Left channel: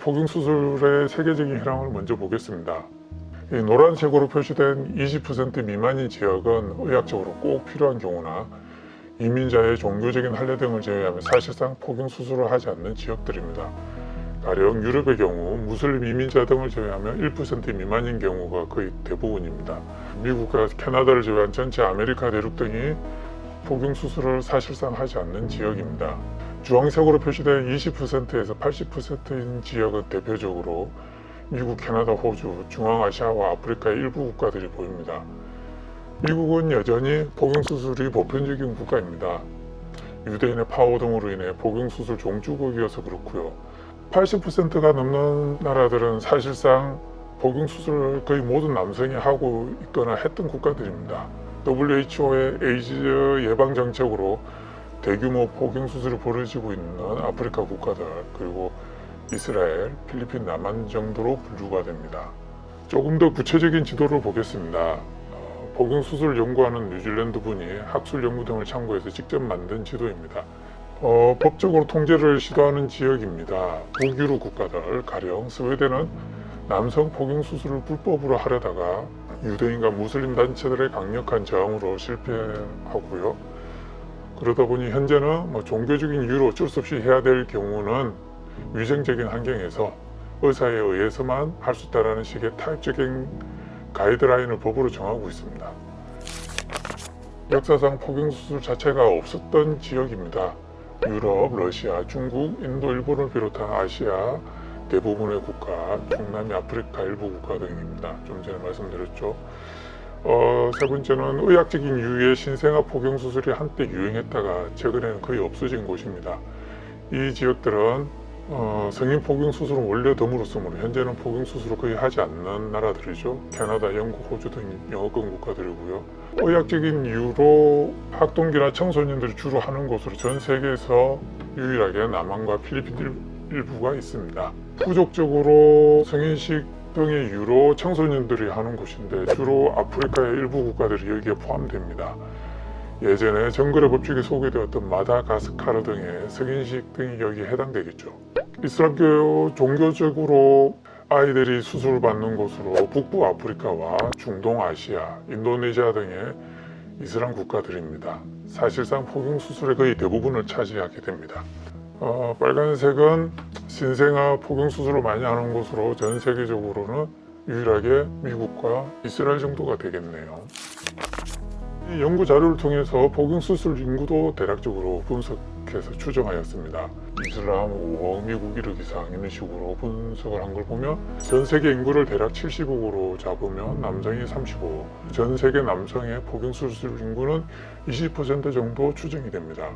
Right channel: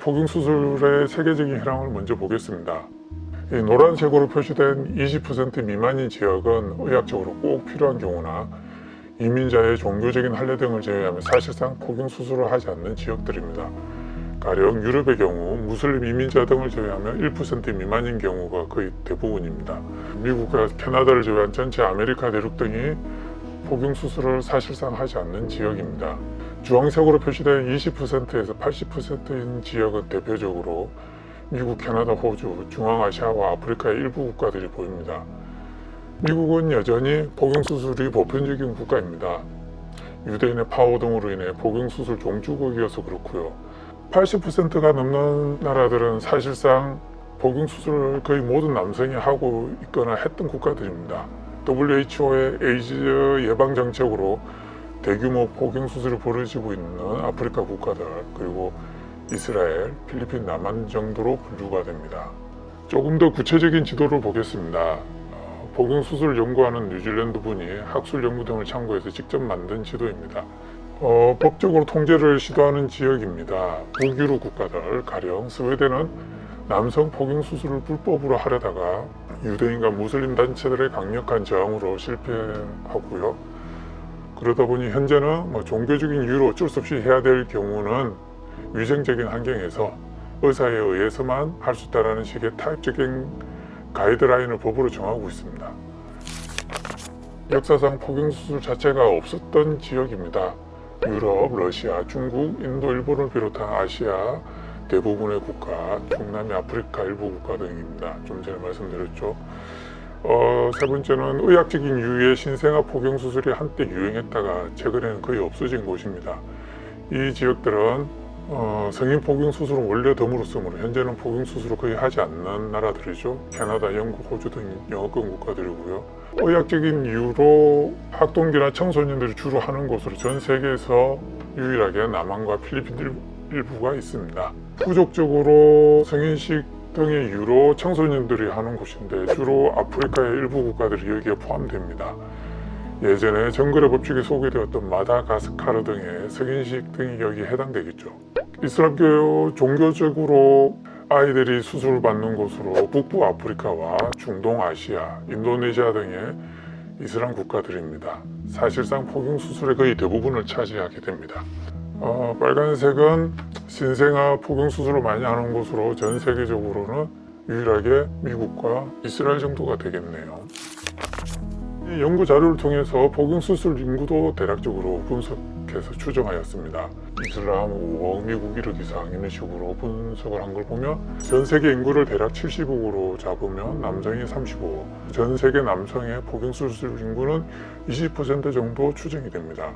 포경수술의 세계적인 현황을 먼저 보겠습니다. 이 노란색으로 표시된 20% 미만인 지역은 의학적으로 꼭 필요한 경우나 이민자의 종교적인 할례 등을 제외하면 사실상 포경수술을 하지 않는 지역들입니다. 가령 유럽의 경우 무슬림 이민자 등을 제외하면 1% 미만인 경우가 거의 대부분입니다. 미국과 캐나다를 제외한 전체 아메리카 대륙 등이 포경수술을 사실상 하지 않는 지역입니다. 주황색으로 표시된 20%에서 80%인 지역은 대표적으로 미국, 캐나다, 호주, 중앙아시아와 아프리카의 일부 국가들이 보입니다. 미국은 여전히 포경수술이 보편적인 국가입니다. 유대인의 파워 등으로 인해 포경수술 종주국이어서 그렇고요. 80%가 넘는 나라들은 사실상 포경수술을 거의 모든 남성이 하고 있거나 했던 국가들입니다. WHO의 에이즈 예방 정책으로 대규모 포경수술을 벌여지고 있는 아프리카 국가들, 그리고 이스라엘, 필리핀, 남한 정도로 분류가 됩니다. 조금 더 구체적인 지도를 보겠습니다. 포경수술을 연구하는 뉴질랜드 분이 학술 연구 등을 참고해서 직접 만든 지도입니다. 법적으로 통제를 시도하는 지역입니다. 북유럽 국가들, 가령 스웨덴은 남성 포경수술을 불법으로 하려다가 유대인과 무슬림 단체들의 강력한 저항으로 실패하고요. 그러다 보니 현재는 종교적인 이유로 어쩔 수 없이 해야 될 경우는 위생적인 환경에서 의사에 의해서만 할 수 있다는 식의 타협적인 가이드라인을 법으로 정하고 있습니다. 역사상 포경수술 자체가 없었던 지역입니다. 유럽, 러시아, 중국, 인도, 일본을 비롯한 아시아 대부분의 국가, 중남미 아프리카 일부 국가 등입니다. 좀 전에 말씀드렸죠. 세 번째는 의학적인 이유의 신생아 포경수술이 한때 유행했다가 최근에는 거의 없어진 곳입니다. 이 지역들은 성인 포경수술은 원래 드물었으므로 현재는 포경수술을 거의 하지 않는 나라들이죠. 캐나다, 영국, 호주 등 영어권 국가들이고요. 의학적인 이유로 학동기나 청소년들이 주로 하는 곳으로 전 세계에서 유일하게 남한과 필리핀 일부가 있습니다. 부족적으로 성인식 등의 이유로 청소년들이 하는 곳인데 주로 아프리카의 일부 국가들이 여기에 포함됩니다. 예전에 정글의 법칙에 소개되었던 마다가스카르 등의 성인식 등이 여기에 해당되겠죠. 이슬람교 종교적으로 아이들이 수술을 받는 곳으로 북부 아프리카와 중동 아시아, 인도네시아 등의 이슬람 국가들입니다. 사실상 포경수술의 거의 대부분을 차지하게 됩니다. 빨간색은 신생아 포경수술을 많이 하는 곳으로 전 세계적으로는 유일하게 미국과 이스라엘 정도가 되겠네요. 이 연구 자료를 통해서 포경수술 인구도 대략적으로 분석해서 추정하였습니다. 이슬람 5억, 미국 1억 이상 이런 식으로 분석을 한 걸 보면 전 세계 인구를 대략 70억으로 잡으면 남성이 35억, 전 세계 남성의 포경수술 인구는 20% 정도 추정이 됩니다.